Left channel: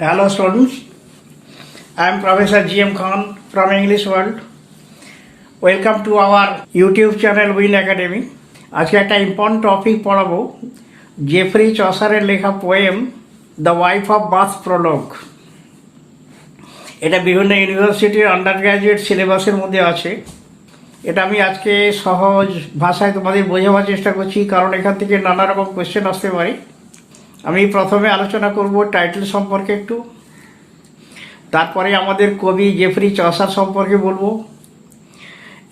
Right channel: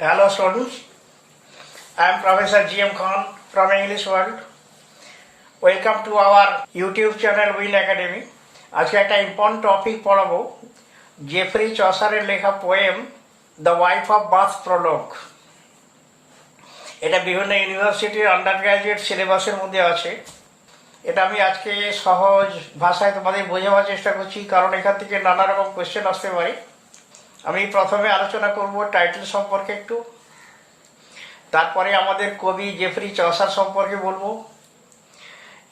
Hello students, I am Professor G.M. Khan from English World. Welcome to our YouTube channel Win Academy. আজকে একটা important topic পড়াবো, Geoffrey চসারের লেখা poem the wife of Bath prologue. এটা বিভিন্ন ইউনিভার্সিটির under graduate সিলেবাসের মধ্যে আছে। এটা আমি আজকে সহজ ভাষায় তোমাদের বোঝাবার চেষ্টা করছি, কারণ এখান থেকে নানা রকম কোয়েশ্চেন আসতে পারে। আমি প্রথমে আলোচনা করব টাইটেল সম্পর্কে একটু, তারপরে আমাদের কবি জেফ্রি চসার সম্পর্কে বলবো,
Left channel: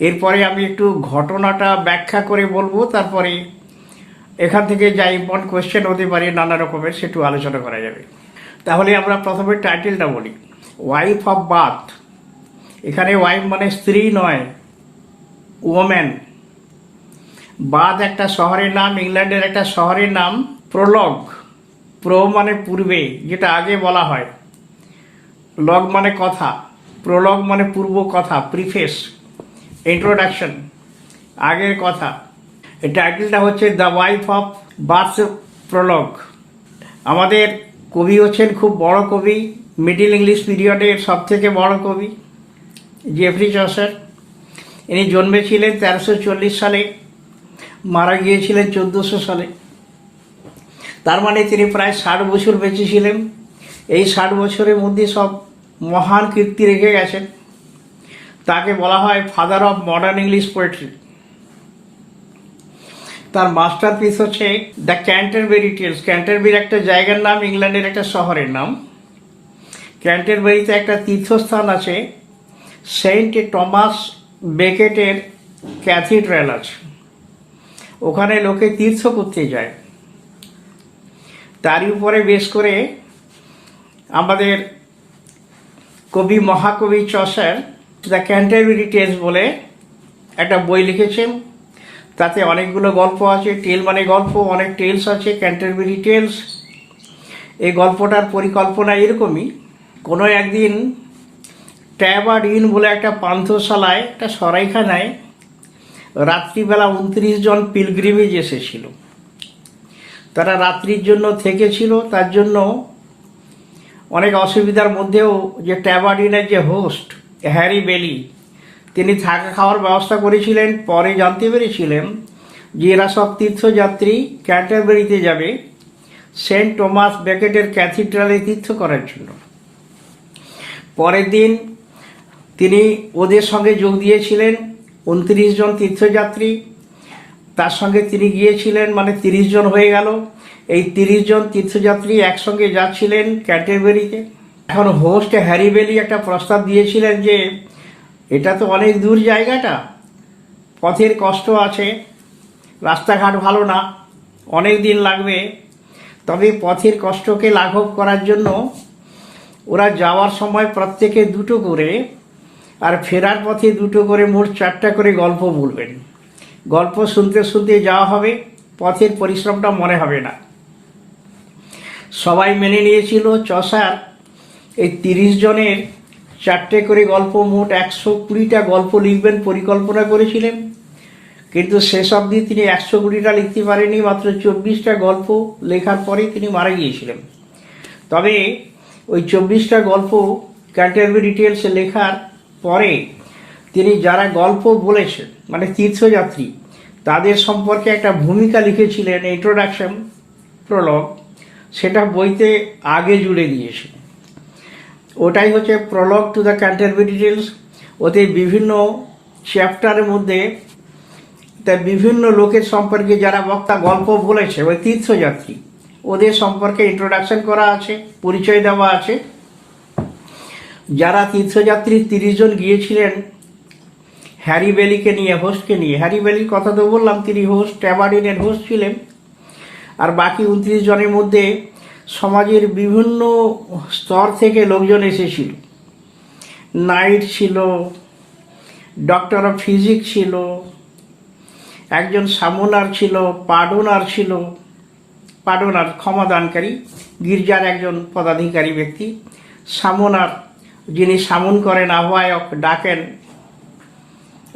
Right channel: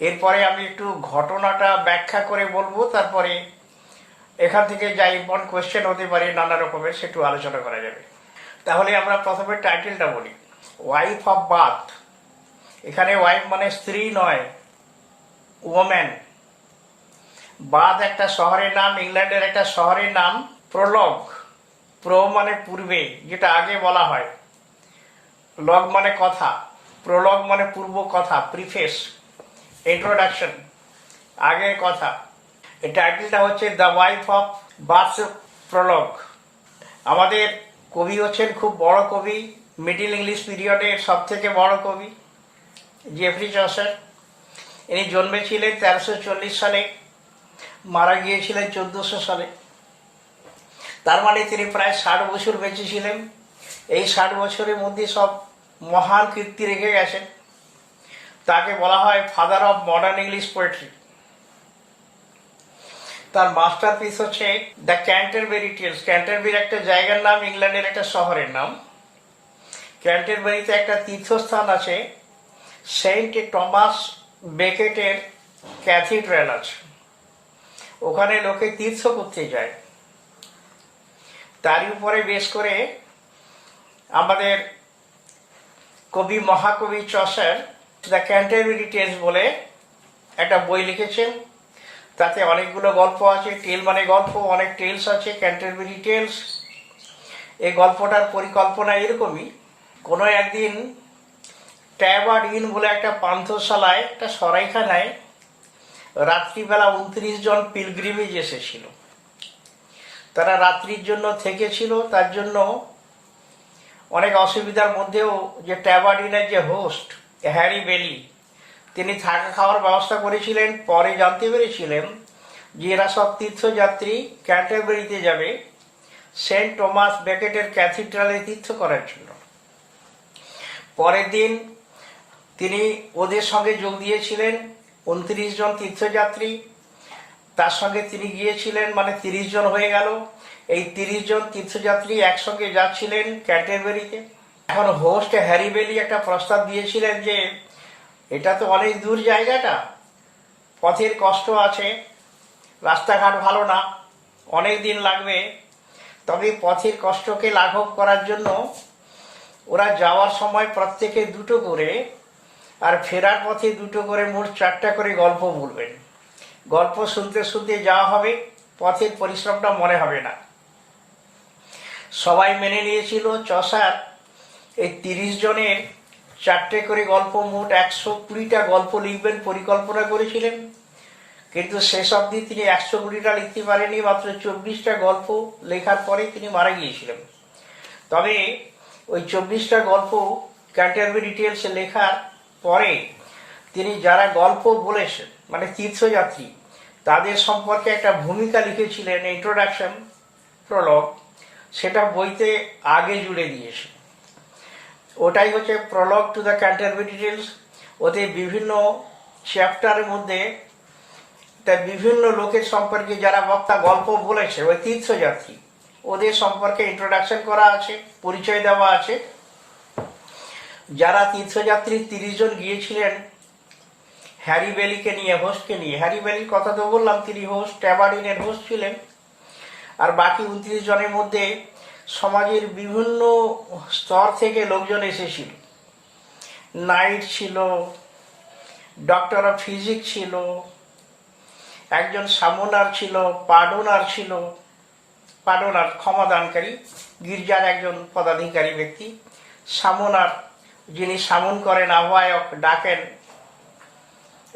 এরপরে আমি একটু ঘটনাটা ব্যাখ্যা করে বলবো, তারপরে এখান থেকে যা ইম্পর্টেন্ট কোয়েশ্চেন হতে পারে নানা রকমের সেটু আলোচনা করা যাবে। তাহলে আমরা প্রথমে টাইটেলটা বলি, ওয়াইফ অফ বাথ। এখানে ওয়াইফ মানে স্ত্রী নয়, ওম্যান। বাথ একটা শহরের নাম, ইংল্যান্ডের একটা শহরের নাম। প্রোলগ, প্রো মানে পূর্বে, যেটা আগে বলা হয়, লগ মানে কথা, প্রোলগ মানে পূর্ব কথা, প্রিফেস, ইন্ট্রোডাকশন, আগের কথা। এই টাইটেলটা হচ্ছে the wife of Bath prologue. আমাদের কবি হচ্ছেন খুব বড় কবি, মিডিল ইংলিশ পিরিয়ডের সব থেকে বড় কবি জেফ্রি চসার। ইনি জন্মেছিলেন 1340 সালে, মারা গিয়েছিলেন 1400 সালে। তার মানে তিনি প্রায় 60 বছর বেঁচে ছিলেন। এই 60 বছরের মধ্যে সব মহান কীর্তি রেখে গেছেন। তাকে বলা হয় father of modern English poetry. তার মাস্টারপিস হচ্ছে দ্য ক্যান্টারবেরি টেলস। ক্যান্টারবেরি একটা জায়গার নাম, ইংল্যান্ডের একটা শহরের নাম। ক্যান্টারবেরিতে একটা তীর্থস্থান আছে, সেন্ট টমাস বেকেটের ক্যাথিড্রাল আছে। ওখানে লোকে তীর্থ করতে যায়। তারই উপরে বেশ করে আমাদের কবি, মহাকবি চসার দ্য ক্যান্টারবেরি টেলস বলে একটা বই লিখেছেন। তাতে অনেকগুলো গল্প আছে। টেল মানে গল্প, অনেক টেলস আছে, ক্যান্টারবেরি টেলস। এই গল্পটার পরিকল্পনা এরকমই, কোনো একদিন ট্যাবার্ড ইন বলে একটা পান্থশালায়, একটা সরাইখানায় রাত্রিবেলা 29 জন পিলগ্রিমেজ এসেছিল। তারা রাত্রির জন্য থেকেছিল। তার জন্য অনেক অসুবিধার মধ্যেও যে ট্যাবার্ডিনের যে হোস্ট হ্যারি বেলি, তিনি থাকা খাওয়ার ব্যবস্থা করেছিলেন। পরে জানতে পেরেছিলেন যে এরা সব তীর্থযাত্রী ক্যান্টারবেরিতে যাবে সেন্ট টমাস বেকেটের ক্যাথিড্রালে তীর্থ করার জন্য। পরের দিন তিনি ওদের সঙ্গে যোগ দিয়েছিলেন। 29 জন তীর্থযাত্রী, তার সঙ্গে তিনি গিয়েছিলেন, মানে 30 জন হয়ে গেল। এই 30 জন তীর্থযাত্রী একসঙ্গে যাচ্ছিলেন ক্যান্টারবেরিতে। এখন হোস্ট হ্যারি বেলি একটা প্রস্তাব দিয়েছিলেন যে এটা তো অনেক দূর জায়গাটা, পথের কষ্ট আছে, রাস্তাঘাট ভালো না, অনেক দিন লাগবে। তবে পথের কষ্টকে লাঘব করার জন্য ওরা যাওয়ার সময় প্রত্যেকে 2টো করে, আর ফেরার পথে 2টো করে, মোট 4টা করে গল্প বলবেন। গল্প শুনতে শুনতে যাওয়া হবে, পথের পরিশ্রমটা মনে হবে না। সবাই মেনে নিয়েছিল। চসার এই 30 জনের 4টে করে গল্প, মোট 120টা গল্প লিখবেন পরিকল্পনা করেছিলেন। কিন্তু শেষ অবধি তিনি 120টা লিখতে পারেনি, মাত্র 24টা গল্প লেখার পরে তিনি মারা গিয়েছিলেন। তবে ওই 24টা গল্প ক্যান্টারবেরি টেলসে লেখার পরে তিনি যারা গল্প বলেছেন, মানে তীর্থযাত্রী, তাদের সম্পর্কে একটা ভূমিকা লিখেছিলেন, ইন্ট্রোডাকশন, প্রোলগ। সেটা বইতে আগে জুড়ে দিয়েছেন। ওটাই হচ্ছে prologue to the Canterbury tales. ওতে বিভিন্ন চ্যাপ্টারের মধ্যে তার বিভিন্ন লোকের সম্পর্কে, যারা বক্তা গল্প বলেছে, ওই তীর্থযাত্রী, ওদের সম্পর্কে ইন্ট্রোডাকশন করা আছে, পরিচয় দেওয়া আছে। যারা তীর্থযাত্রী 30 জন গিয়েছিলেন হ্যারি বেলিকে নিয়ে, হোস্টকে নিয়ে। হ্যারি বেলির কথা তো বললাম, তিনি হোস্ট, ট্যাবার্ডিনের হোস্ট ছিলেন। আর বাকি 29 জনের মধ্যে সমাজের বিভিন্ন স্তর থেকে লোকজন এসেছিল। নাইট ছিল, ডক্টর অফ ফিজিক্স ছিল, একজন সামোনার ছিল, পার্ডোনার ছিল, পার্ডোনার ক্ষমাদানকারী, গির্জার একজন পদাধিকারী ব্যক্তি। সামোনার, যিনি সামন করেন, আহ্বায়ক, ডাকেন,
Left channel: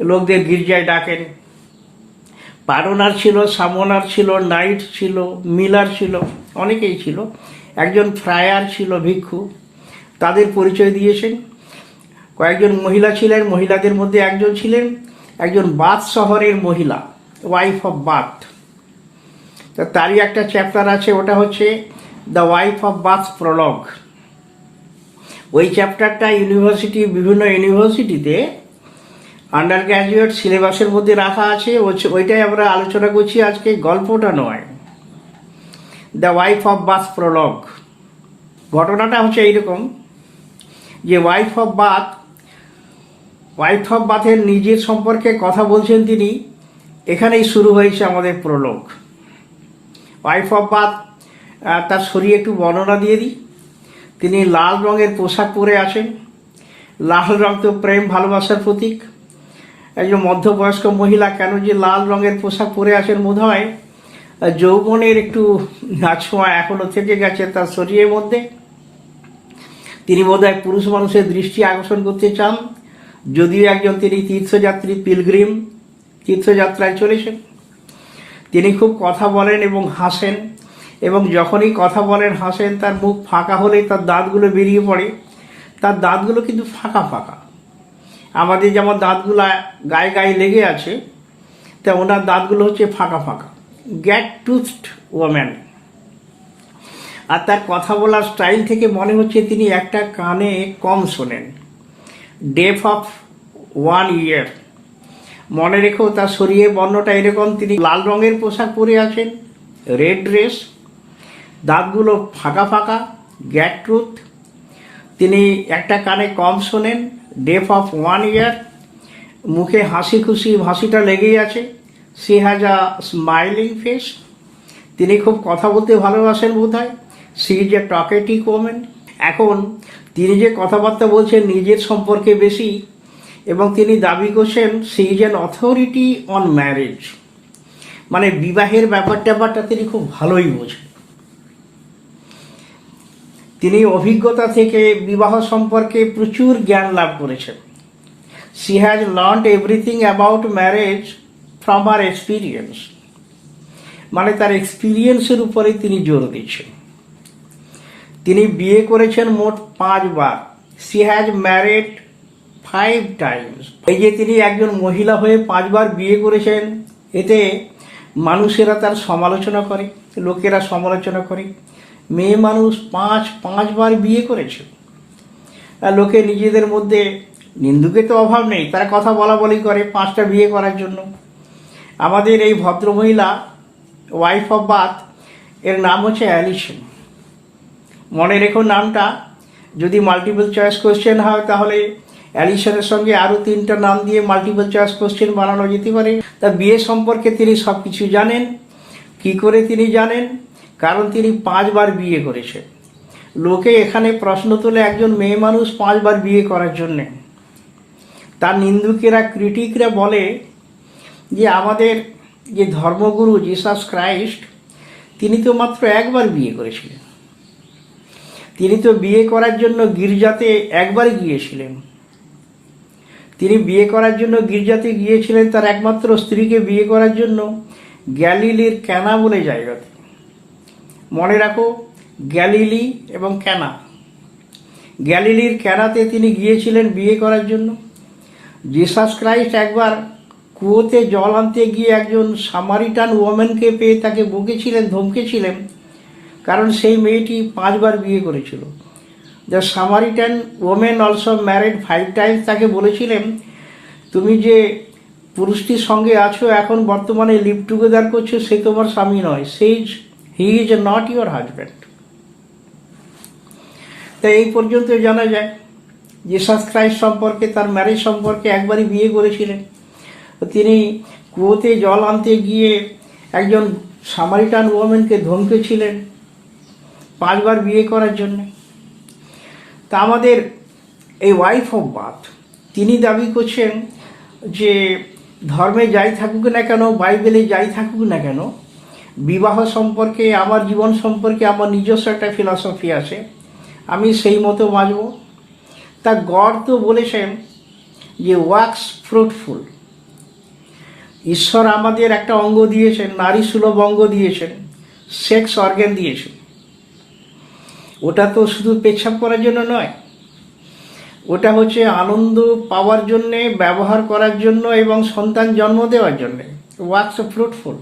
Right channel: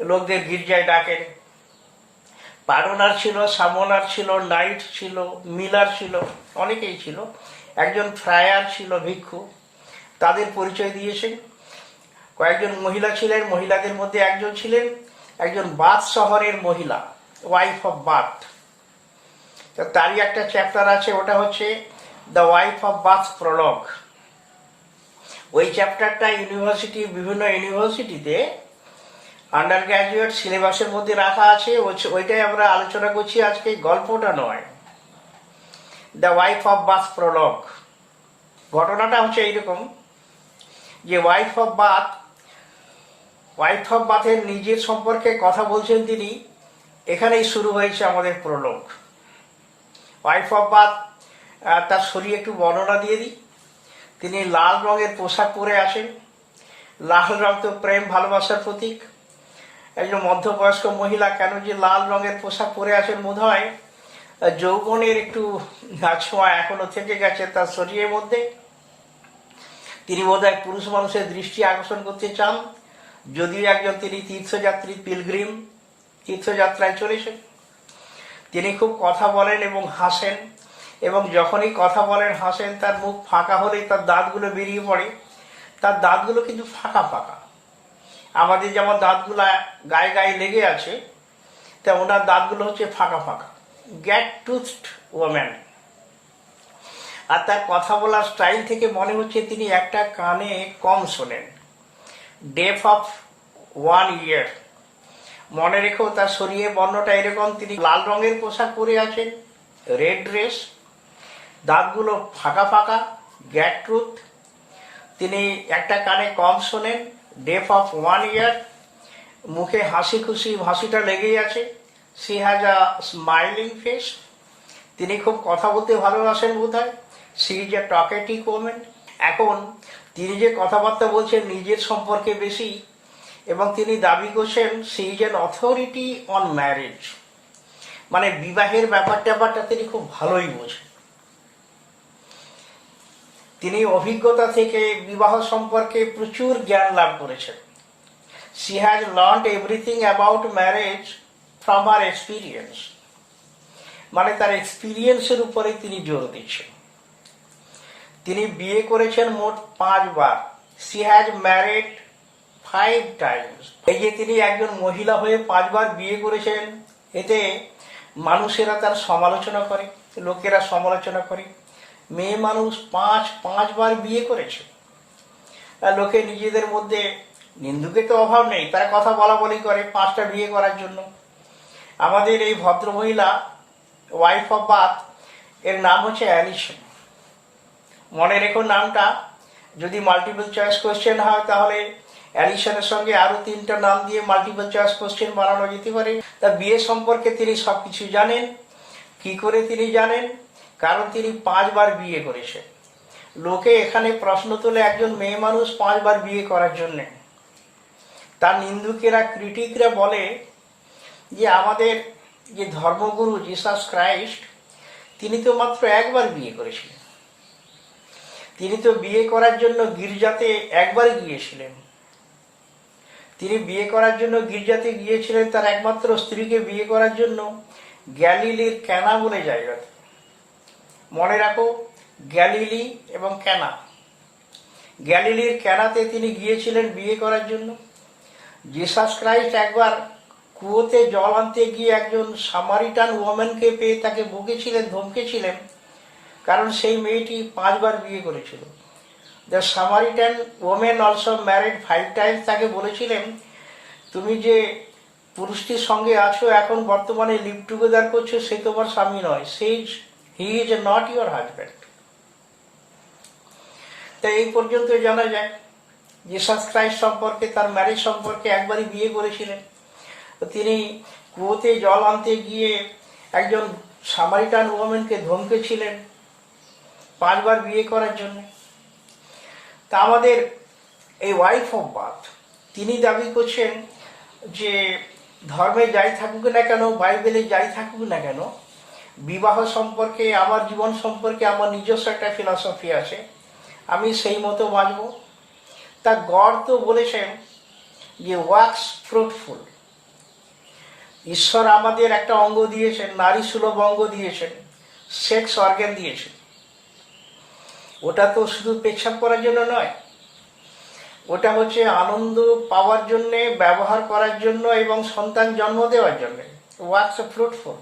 লোকদের গির্জায় ডাকেন। পার্ডোনার ছিল, সামোনার ছিল, নাইট ছিল, মিলার ছিল, অনেকেই ছিল। একজন ফ্রায়ার ছিল, ভিক্ষু, তাদের পরিচয় দিয়েছেন। কয়েকজন মহিলা ছিলেন, মহিলাদের মধ্যে একজন ছিলেন একজন বাথ শহরের মহিলা, ওয়াইফ অফ বাথ। তারই একটা চ্যাপ্টার আছে, ওটা হচ্ছে the wife of Bath prologue. ওই চ্যাপ্টারটা বিভিন্ন ইউনিভার্সিটিতে আন্ডার গ্র্যাজুয়েট সিলেবাসের মধ্যে রাখা আছে। ওইটাই আমরা আলোচনা করছি আজকে, গল্পটা নয়। The wife of Bath prologue. ঘটনাটা হচ্ছে এইরকম যে ওয়াইফ অফ বাথের নিজের সম্পর্কে কথা বলছেন তিনি। এখানেই শুরু হয়েছে আমাদের প্রলোগ। ওয়াইফ অফ বাথ, তার শরীরে একটু বর্ণনা দিয়ে দিই। তিনি লাল রঙের পোশাক পরে আছেন। লাল রং তো প্রেম ভালোবাসার প্রতীক। একজন মধ্যবয়স্ক মহিলা কেন যে লাল রঙের পোশাক পরে আছেন, বোধ হয় যৌবনের একটু ছোঁয়া এখনো থেকে গেছে তার শরীরের মধ্যে। তিনি বোধহয় পুরুষ মানুষের দৃষ্টি আকর্ষণ করতে চান, যদিও একজন তিনি তীর্থযাত্রী, পিলগ্রিম, তীর্থযাত্রায় চলেছেন। তিনি খুব কথা বলেন এবং হাসেন, এবং যখনই কথা বলেন হাসেন তার মুখ ফাঁকা হলে তার দাঁতগুলো বেরিয়ে পড়ে। তার দাঁতগুলো কিন্তু ফাঁকা ফাঁকা, আমাদের যেমন দাঁতগুলো গায়ে গায়ে লেগে আছে, তা ওনার দাঁতগুলো হচ্ছে ফাঁকা ফাঁকা, গ্যাট টুথড ওম্যান। আর তার কথা বলার স্টাইল থেকে মনে হচ্ছে তিনি একটা কানে কম শোনেন, ডেফ অফ 1 ইয়ার। মনে রেখো তার শরীরের বর্ণটা এরকম। তিনি লাল রঙের পোশাক পরে আছেন, রেড ড্রেস, দাঁতগুলো ফাঁকা ফাঁকা, গ্যাট টুথ। তিনি একটা কানে কম শোনেন, ডেফ অফ 1 ইয়ার। মুখে হাসি খুশি হাসিটা লেগেই আছে। She has a smiling face. তিনি খুব কথা বলতে ভালোবাসেন বোধ হয়। She is a talkative women. এখন তিনি যে কথাবার্তা বলছেন নিজের সম্পর্কে বেশি, এবং তিনি দাবি করছেন she is an authority on marriage, মানে বিবাহের ব্যাপারটা তিনি খুব ভালোই বোঝেন। তিনি অভিজ্ঞতা থেকে বিবাহ সম্পর্কে প্রচুর জ্ঞান লাভ করেছেন। She has learned everything about marriage from her experience, মানে তার এক্সপিরিয়েন্সের উপরে তিনি জোর দিচ্ছেন। তিনি বিয়ে করেছেন মোট 5 বার। She has married 5 times. এই যে তিনি একজন মহিলা হয়ে 5 বার বিয়ে করেছেন, এতে মানুষেরা তার সমালোচনা করে, লোকেরা সমালোচনা করে। মেয়ে মানুষ 5 বার বিয়ে করেছে। লোকে নিজেদের মধ্যে, নিন্দুকে তো অভাব নেই, তারা কথা বলা বলি করে 5টা বিয়ে করার জন্য। আমাদের এই ভদ্রমহিলা ওয়াইফ অফ বাথ, এর নাম হচ্ছে অ্যালিসন। মনে রেখো নামটা। যদি মাল্টিপল চয়েস কোশ্চেন হয় তাহলে অ্যালিসনের সঙ্গে আরো 3টা নাম দিয়ে মাল্টিপল চয়েস কোশ্চেন বানানো যেতে পারে। তার বিয়ে সম্পর্কে তিনি সবকিছু জানেন। কি করে তিনি জানেন? কারণ তিনি 5 বার বিয়ে করেছেন। লোকে এখানে প্রশ্ন তোলে একজন মেয়ে মানুষ 5 বার বিয়ে করার জন্যে। তার নিন্দুকেরা, ক্রিটিকরা বলে যে আমাদের যে ধর্মগুরু জিসাস ক্রাইস্ট, তিনি তো মাত্র 1 বার বিয়ে করেছিলেন। তিনি তো বিয়ে করার জন্য গির্জাতে 1 বারই গিয়েছিলেন। তিনি বিয়ে করার জন্য গির্জাতে গিয়েছিলেন তার একমাত্র স্ত্রীকে বিয়ে করার জন্য গ্যালিলির ক্যানা বলে জায়গাতে। মনে রাখো, গ্যালিলি এবং ক্যানা। গ্যালিলির ক্যানাতে তিনি গিয়েছিলেন বিয়ে করার জন্য। জিসাস ক্রাইস্ট একবার কুয়োতে জল আনতে গিয়ে একজন সামারিটান ওমেনকে পেয়ে তাকে বকেছিলেন, ধমকেছিলেন, কারণ সেই মেয়েটি 5 বার বিয়ে করেছিল। The Samaritan women also married 5 Times. তাকে বলেছিলেন, তুমি যে পুরুষটির সঙ্গে আছো, এখন বর্তমানে লিভ টুগেদার করছো, সে তোমার স্বামী নয়। He is not your husband. তাই এই পর্যন্ত জানা যায় জিসাস ক্রাইস্ট সম্পর্কে, তার ম্যারেজ সম্পর্কে। 1 বারই বিয়ে করেছিলেন। তিনি কুয়োতে জল আনতে গিয়ে একজন সামারিটান ওমেনকে ধমকেছিলেন 5 বার বিয়ে করার জন্য। তা আমাদের এই ওয়াইফ অফ বাথ, তিনি দাবি করছেন যে ধর্মে যাই থাকুক না কেন, বাইবেলে যাই থাকুক না কেন, বিবাহ সম্পর্কে, আমার জীবন সম্পর্কে আমার নিজস্ব একটা ফিলসফি আছে, আমি সেই মতো বাঁচব। তা গড তো বলেছেন যে ওয়াক্স ফ্রুটফুল। ঈশ্বর আমাদের একটা অঙ্গ দিয়েছেন, নারী সুলভ অঙ্গ দিয়েছেন, সেক্স অর্গান দিয়েছেন। ওটা তো শুধু পেচ্ছাপ করার জন্য নয়, ওটা হচ্ছে আনন্দ পাওয়ার জন্যে, ব্যবহার করার জন্য এবং সন্তান জন্ম দেওয়ার জন্যে। Wax fruitful.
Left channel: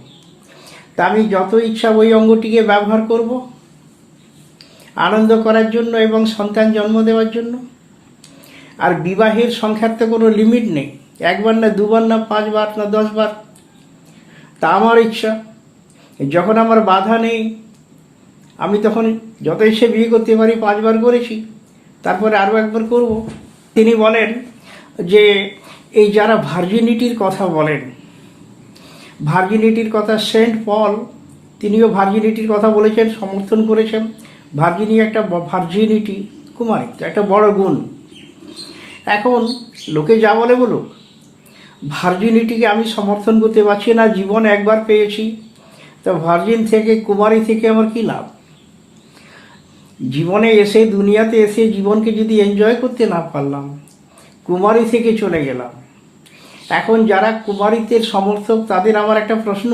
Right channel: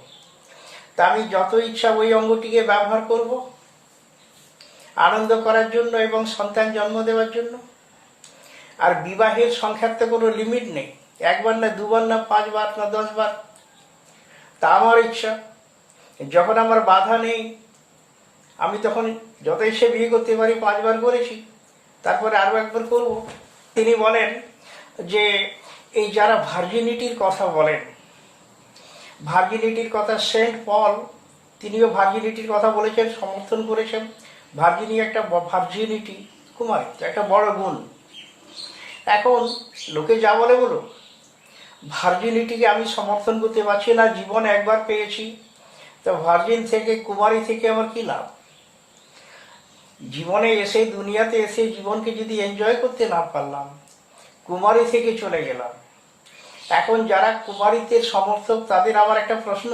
তা আমি যত ইচ্ছা ওই অঙ্গটিকে ব্যবহার করব আনন্দ করার জন্য এবং সন্তান জন্ম দেওয়ার জন্য। আর বিবাহের সংখ্যার তো কোনো লিমিট নেই, একবার না দুবার না 5 বার না 10 বার, তা আমার ইচ্ছা। যখন আমার বাধা নেই আমি তখন যত ইচ্ছে বিয়ে করতে পারি। 5 বার করেছি, তারপরে আরও একবার করব। তিনি বলেন যে এই যারা ভার্জিনিটির কথা বলেন, ভার্জিনিটির কথা সেন্ট পল তিনিও ভার্জিনিটির কথা বলেছেন, সমর্থন করেছেন। ভার্জিনিটি কুমারী একটা বড় গুণ। এখন লোকে যা বলে বলো, ভার্জিনিটিকে আমি সমর্থন করতে পারছি না। জীবন একবার পেয়েছি, তো ভার্জিন থেকে, কুমারী থেকে আমার কি লাভ? জীবনে এসে, দুনিয়াতে এসে জীবনকে যদি এনজয় করতে না পারলাম, কুমারী থেকে চলে গেলাম। এখন যারা কুমারীত্বের সমর্থক তাদের আমার একটা প্রশ্ন,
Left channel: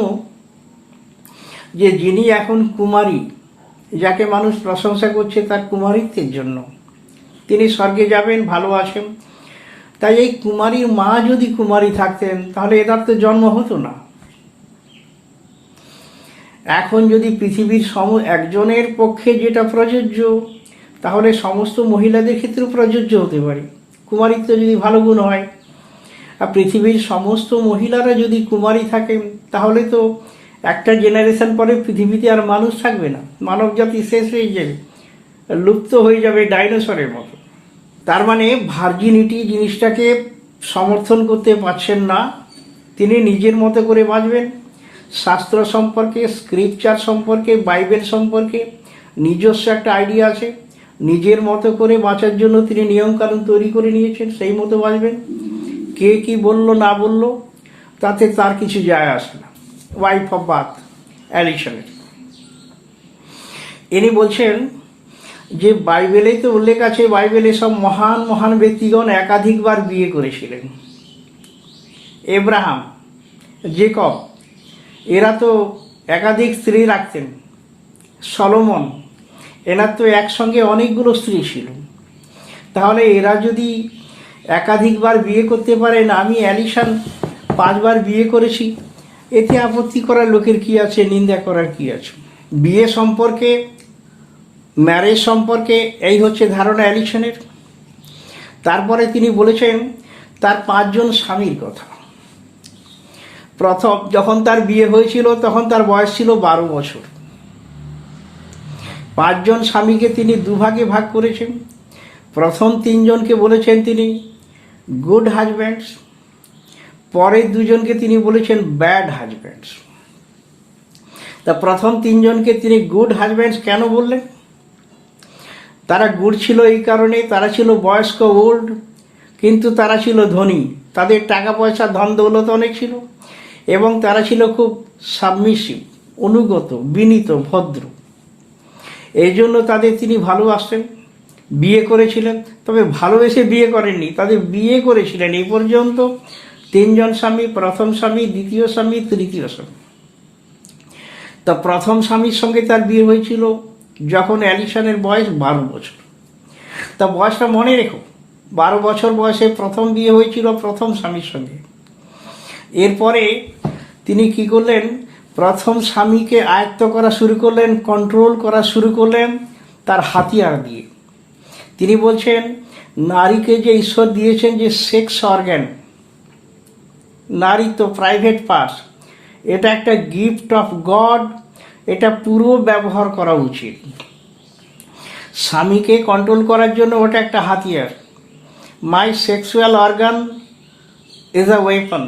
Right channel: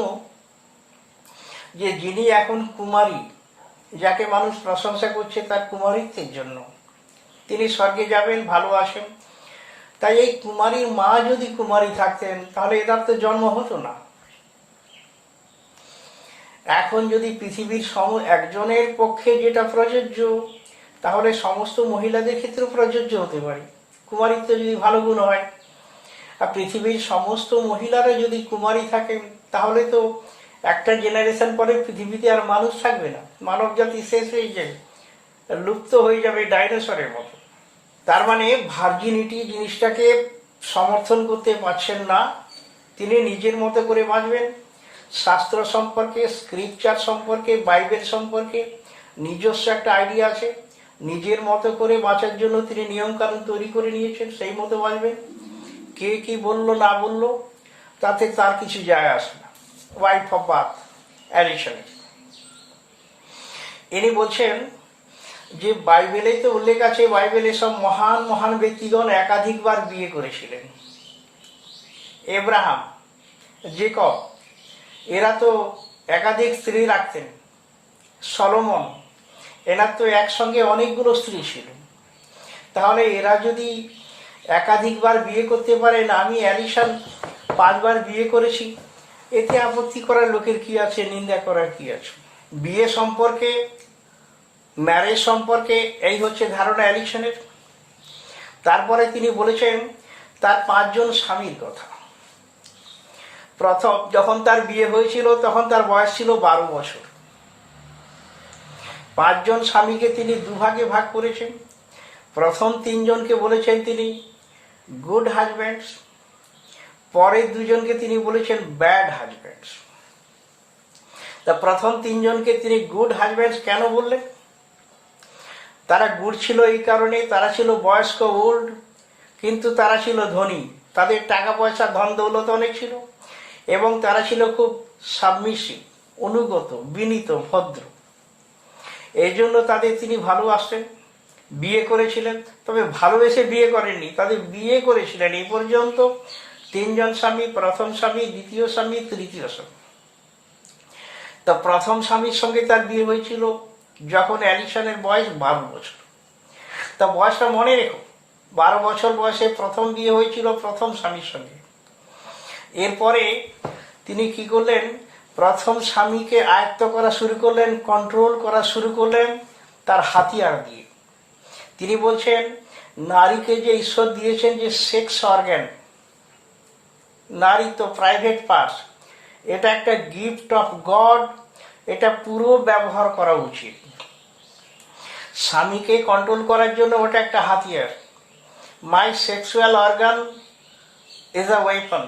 যে যিনি এখন কুমারী, যাকে মানুষ প্রশংসা করছে তার কুমারীত্বের জন্য, তিনি স্বর্গে যাবেন, ভালো আছেন। তাই এই কুমারীর মা যদি কুমারী থাকতেন তাহলে এটার তো জন্ম হতো না। এখন যদি পৃথিবীর একজনের পক্ষে যেটা প্রযোজ্য, তাহলে সমস্ত মহিলাদের ক্ষেত্রে প্রযোজ্য হতে পারে। কুমারীত্ব যদি ভালো গুণ হয়, আর পৃথিবীর সমস্ত মহিলারা যদি কুমারী থাকেন, তাহলে তো একটা জেনারেশন পরে পৃথিবীতে আর মানুষ থাকবে না, মানব জাতি শেষ হয়ে যাবে, লুপ্ত হয়ে যাবে ডাইনোসরের মতো। তার মানে ভার্জিনিটি জিনিসটাকে সমর্থন করতে পারছেন না। তিনি নিজের মতো করে বাঁচবেন, শাস্ত্র সম্পর্কে, স্ক্রিপচার সম্পর্কে, বাইবেল সম্পর্কে নিজস্ব একটা আইডিয়া আছে। নিজের মতো করে বাঁচার জন্য তিনি নিয়মকানুন তৈরি করে নিয়েছেন, সেই মতো বাঁচবেন। কে কি বললো না বললো তাতে তার কিছু যায় আসে না। ওয়াইফ অফ বাথ অ্যালিসনের ইনি বলছেন যে বাইবেলেই তো উল্লেখ আছে, বাইবেলে সব মহান মহান ব্যক্তিগণ একাধিকবার বিয়ে করেছিলেন। এব্রাহাম, জেকব, এরা তো একাধিক স্ত্রী রাখতেন। সলোমন, এনার তো একসঙ্গে অনেকগুলো স্ত্রী ছিল। তাহলে এরা যদি একাধিকবার বিয়ে করতে পারেন, আমি অ্যালিসন 5 বার বিয়ে করেছি, এতে আপত্তি করার লোকের কি আছে, নিন্দা করার কি আছে? বিয়ে সম্পর্কে, ম্যারেজ সম্পর্কে এই হচ্ছে ধারণা অ্যালিসনের। তারপরে তিনি বলেছেন তার 5 জন স্বামীর কথা। প্রথম যখন তার বিয়ে হয়েছিল তখন তার বয়স ছিল 12 বছর। 5 জন স্বামীকে তিনি দুভাগে ভাগ করেছেন। প্রথম 3 জনকে বলেছেন তিনি গুড হাজব্যান্ডস, পরের 2 জনকে তিনি বলেছেন ব্যাড হাজব্যান্ডস। তা প্রথম 3 জনকে তিনি গুড হাজব্যান্ডস কেন বললেন? তারা গুড ছিল এই কারণে, তারা ছিল বয়স্ক, ওল্ড, কিন্তু তারা ছিল ধনী, তাদের টাকা পয়সা ধন দৌলত অনেক ছিল, এবং তারা ছিল খুব সাবমিসিভ, অনুগত, বিনীত, ভদ্র। এই জন্য তাদের তিনি ভালোবাসতেন, বিয়ে করেছিলেন। তবে ভালোবেসে বিয়ে করেননি, তাদের বিয়ে করেছিলেন। এই পর্যন্ত 3 জন স্বামী, প্রথম স্বামী, দ্বিতীয় স্বামী, তৃতীয় স্বামী। তা প্রথম স্বামীর সঙ্গে তার বিয়ে হয়েছিল যখন অ্যালিসনের বয়স 12 বছর। তা বয়সটা মনে রেখো, 12 বছর বয়সে প্রথম বিয়ে হয়েছিল প্রথম স্বামীর সঙ্গে। এরপরে তিনি কি করলেন, প্রথম স্বামীকে আয়ত্ত করা শুরু করলেন, কন্ট্রোল করা শুরু করলেন তার হাতিয়ার দিয়ে। তিনি বলছেন নারীকে যে ঈশ্বর দিয়েছেন যে সেক্স অর্গ্যান, নারী তো প্রাইভেট পার্টস, এটা একটা গিফট অফ গড, এটা পুরো ব্যবহার করা উচিত। স্বামীকে কন্ট্রোল করার জন্য ওটা একটা হাতিয়ার। My sexual organ is a weapon.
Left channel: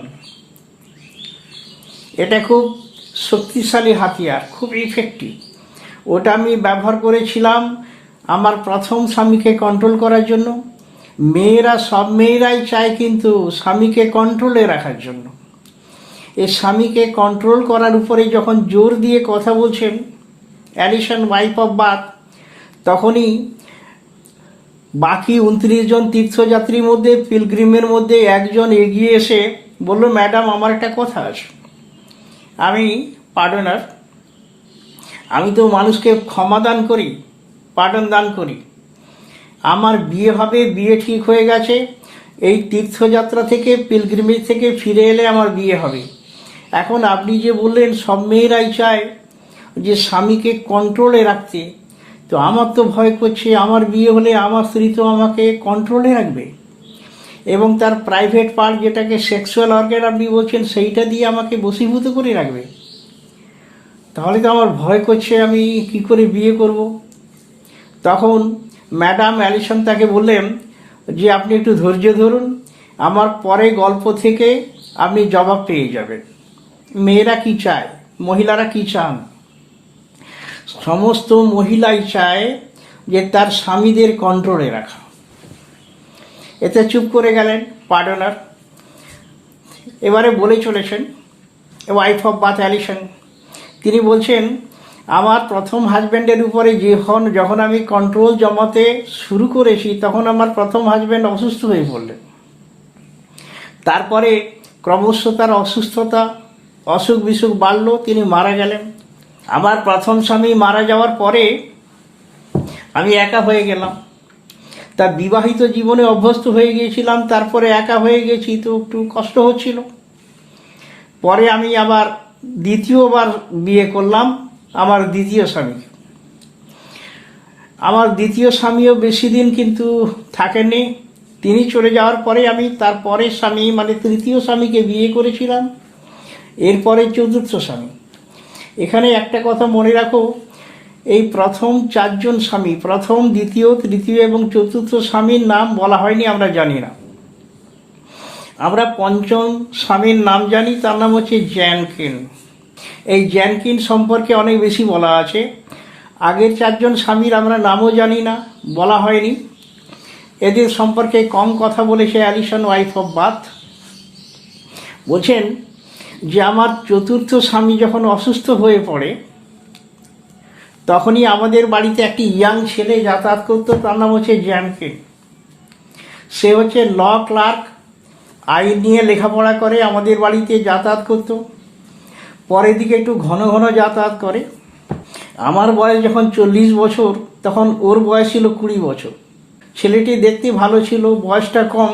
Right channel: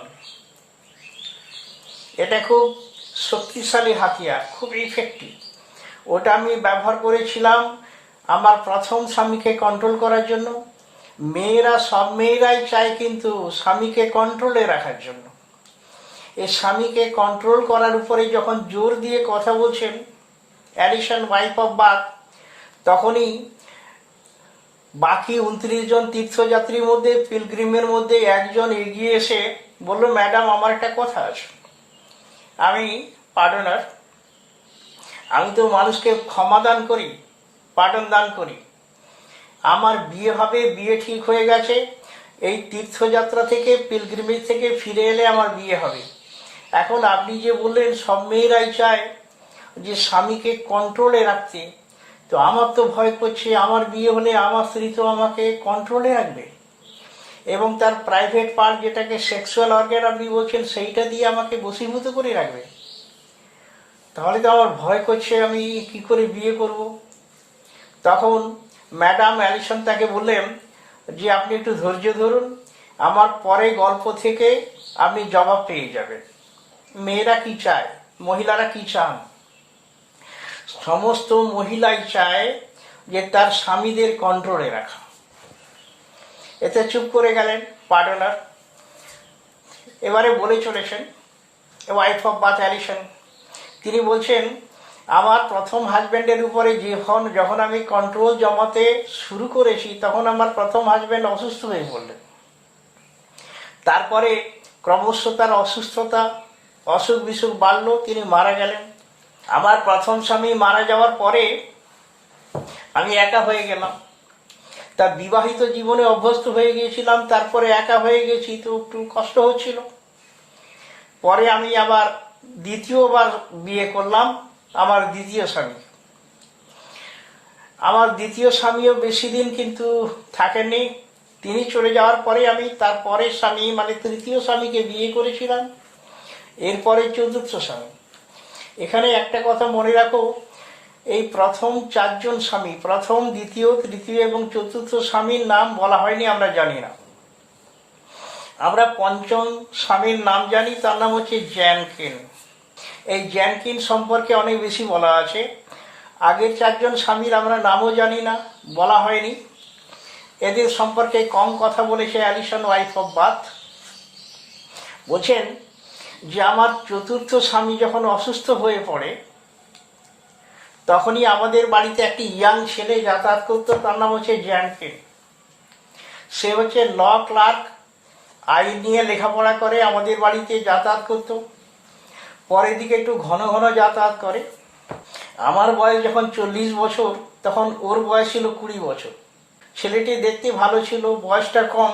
এটা খুব শক্তিশালী হাতিয়ার, খুব ইফেক্টিভ। ওটা আমি ব্যবহার করেছিলাম আমার প্রথম স্বামীকে কন্ট্রোল করার জন্য। মেয়েরা, সব মেয়েরাই চায় কিন্তু স্বামীকে কন্ট্রোলে রাখার জন্য। এই স্বামীকে কন্ট্রোল করার উপরে যখন জোর দিয়ে কথা বলছেন অ্যালিসন, ওয়াইফ অফ বাথ, তখনই বাকি 29 জন তীর্থযাত্রীর মধ্যে, পিলগ্রিমের মধ্যে একজন এগিয়ে এসে বলল, ম্যাডাম আমার একটা কথা আছে। আমি পার্ডনার, আমি তো মানুষকে ক্ষমাদান করি, পার্ডন দান করি। আমার বিয়ে হবে, বিয়ে ঠিক হয়ে গেছে। এই তীর্থযাত্রা থেকে, পিলগ্রিমেজ থেকে ফিরে এলে আমার বিয়ে হবে। এখন আপনি যে বললেন সব মেয়েরাই চায় যে স্বামীকে কন্ট্রোলে রাখতে, তো আমার তো ভয় করছে আমার বিয়ে হলে আমার স্ত্রী তো আমাকে কন্ট্রোলে রাখবে এবং তার প্রাইভেট পার্ট যেটাকে সেক্সুয়াল অর্গান আপনি বলছেন সেইটা দিয়ে আমাকে বশীভূত করে রাখবে। তাহলে তো আমার ভয় করছে, আমি কি করে বিয়ে করব। তখন ম্যাডাম অ্যালিসন তাকে বললেন যে আপনি একটু ধৈর্য ধরুন, আমার পরে গল্প থেকে আপনি জবাব পেয়ে যাবেন। মেয়েরা কি চায়, মহিলারা কি চান? সমস্ত মহিলাই চায় যে তার স্বামীদের কন্ট্রোলে রাখা। এতে চুপ করে গেলেন পার্ডনার। এবারে বলে চলেছেন ওয়াইফ অফ বাথ অ্যালিসন, তিনি বলছেন আমার প্রথম হাজব্যান্ডের উপরে যখন আমি কন্ট্রোল জমাতে শুরু করেছি তখন আমার প্রথম হাজব্যান্ড অসুস্থ হয়ে পড়লেন। তারপরে ক্রমশ তার অসুখ বিসুখ বাড়ল, তিনি মারা গেলেন। আমার প্রথম স্বামী মারা যাওয়ার পরে আমি একা হয়ে গেলাম। তা বিবাহিত জীবনে অভ্যস্ত হয়ে গিয়েছিলাম, তারপরে একা হয়ে গেছি, তো একটু কষ্ট হচ্ছিল। পরে আমি আবার দ্বিতীয়বার বিয়ে করলাম আমার দ্বিতীয় স্বামী। আমার দ্বিতীয় স্বামীও বেশি দিন কিন্তু থাকেননি, তিনি চলে যাওয়ার পরে আমি তার পরের স্বামী মানে তৃতীয় স্বামীকে বিয়ে করেছিলাম, এরপরে চতুর্থ স্বামী। এখানে একটা কথা মনে রাখো, এই প্রথম চারজন স্বামী, প্রথম, দ্বিতীয়, তৃতীয় এবং চতুর্থ স্বামীর নাম বলা হয়নি, আমরা জানি না। আমরা পঞ্চম স্বামীর নাম জানি, তার নাম হচ্ছে জ্যানকিন। এই জ্যানকিন সম্পর্কে অনেক বেশি বলা আছে। আগের চারজন স্বামীর আমরা নামও জানি না, বলা হয়নি। এদের সম্পর্কে কম কথা বলেছে অ্যালিসন ওয়াইফ অফ বাথ। বলছেন যে আমার চতুর্থ স্বামী যখন অসুস্থ হয়ে পড়ে তখনই আমাদের বাড়িতে একটি ইয়াং ছেলে যাতায়াত করতো, তার নাম হচ্ছে জ্যানকিন। সে হচ্ছে ল ক্লার্ক, আইন নিয়ে লেখাপড়া করে, আমাদের বাড়িতে যাতায়াত করতো। পরের দিকে একটু ঘন ঘন যাতায়াত করে। আমার বয়স যখন 40 বছর তখন ওর বয়স ছিল 20 বছর। ছেলেটি দেখতে ভালো ছিল, বয়সটা কম,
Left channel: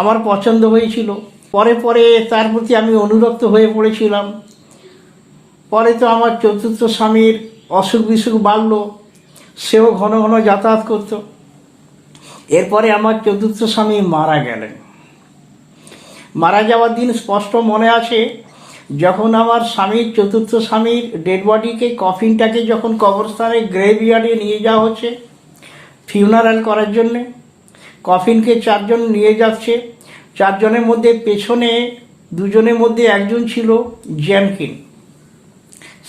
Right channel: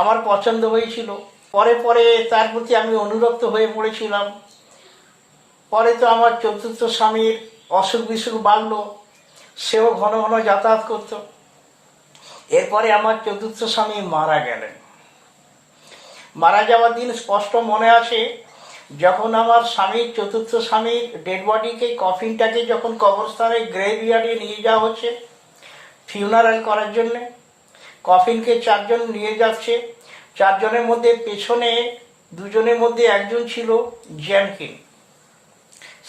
আমার পছন্দ হয়েছিল। পরে পরে তার প্রতি আমি অনুরক্ত হয়ে পড়েছিলাম। পরে তো আমার চতুর্থ স্বামীর অসুখ বিসুখ বাড়ল, সেও ঘন ঘন যাতায়াত করত। এরপরে আমার চতুর্থ স্বামী মারা গেলেন। মারা যাওয়ার দিন স্পষ্ট মনে আছে, যখন আমার স্বামীর, চতুর্থ স্বামীর ডেড বডিকে, কফিনটাকে যখন কবরস্থানে গ্রেভইয়ার্ডে নিয়ে যাওয়া হচ্ছে ফিউনারাল করার জন্যে, কফিনকে 4 জন নিয়ে যাচ্ছে। 4 জনের মধ্যে পেছনে 2 জনের মধ্যে একজন ছিল জ্যানকিন।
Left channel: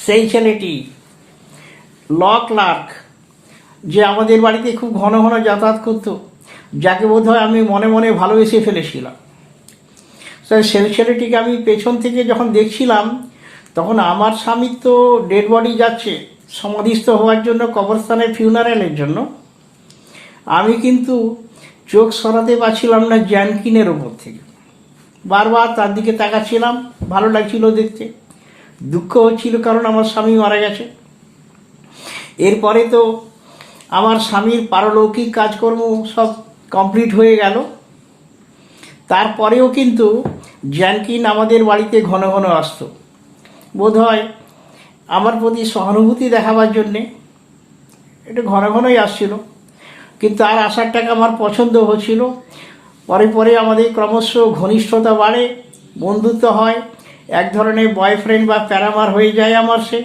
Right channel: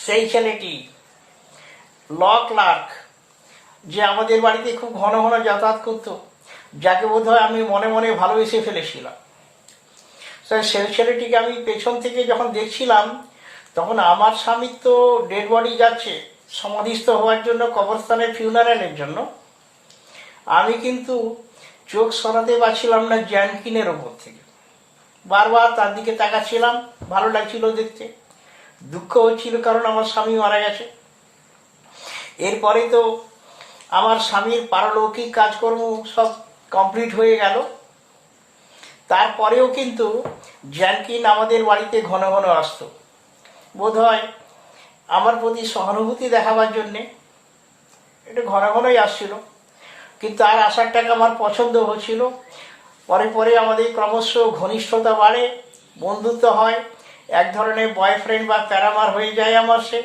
সেই ছেলেটি ল ক্লার্ক, যে আমাদের বাড়িতে খুব ঘন ঘন যাতায়াত করত, যাকে বোধহয় আমি মনে মনে ভালোবেসে ফেলেছিলাম। সেই ছেলেটিকে আমি পেছন থেকে যখন দেখছিলাম তখন আমার স্বামীর তো ডেড বডি যাচ্ছে সমাধিস্থ হওয়ার জন্য কবরস্থানে ফিউনারালের জন্য, আমি কিন্তু চোখ সরাতে পারছিলাম না জ্যানকিনের ওপর থেকে। বারবার তার দিকে তাকাচ্ছিলাম, ভালো লাগছিল দেখতে, দুঃখ হচ্ছিল কারণ আমার স্বামী মারা গেছে। এরপরে তো আমার স্বামীর পারলৌকিক কাজকর্ম সব কমপ্লিট হয়ে গেল। তারপরেও কিন্তু জ্যানকিন আমাদের বাড়িতে ঘন ঘন আসতো, বোধহয় আমার প্রতি সহানুভূতি দেখাবার জন্যে একটু ঘন ঘনই আসছিল। কিন্তু আর আসারটাকে আমার পছন্দ হচ্ছিল। পরে পরে আমাদের ক্রমশ ঘনিষ্ঠতা বাড়ে, বন্ধুত্ব হয়, এক ধরনের বয়ফ্রেন্ড বা প্যারামার হয়ে যায় আমার সে